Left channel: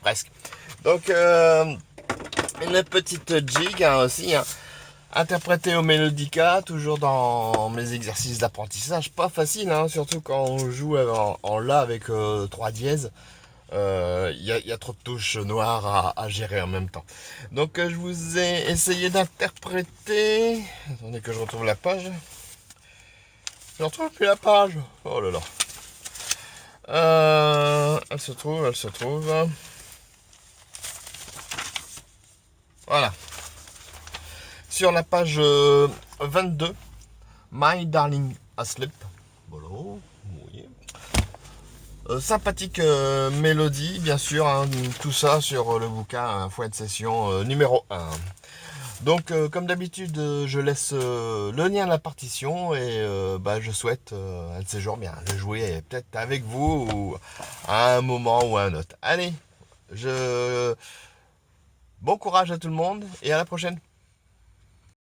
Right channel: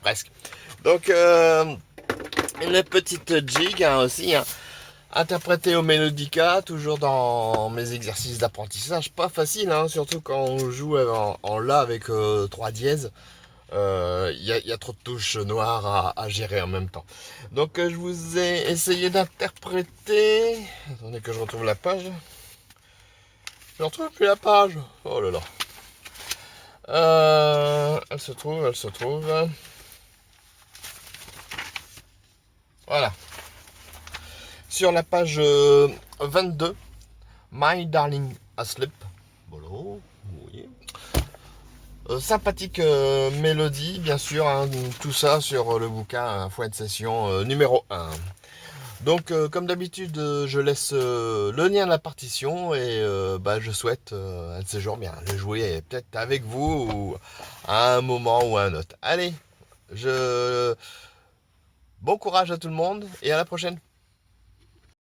presque. Donc, une petite jig aussi, hein, interprétée au mélodica, toujours dans mes exercices d'apprentissage. Pas facile, hein, surtout quand on joue en La avec 3 dièses. Y a trop de touches noires à gérer en même temps. Donc je vous ai essayé d'interpréter. Attendez que je retrouve la page. Je ne retrouve plus la page. Oh là là. Elle se trouve. Voilà. Sur la page 22. My Darling Asleep. Voilà. Oui. Sympathique mélodie, bien sûr, hein, tout ça sur le bouquin Fouet de session numéro 1. Donc, comme d'habitude, je laisse le lien de la partition et je souhaite un de ces jours bien le jouer peut-être avec vous ou à un moment ou à un autre. Allez, bon courage à tout le monde et à la prochaine.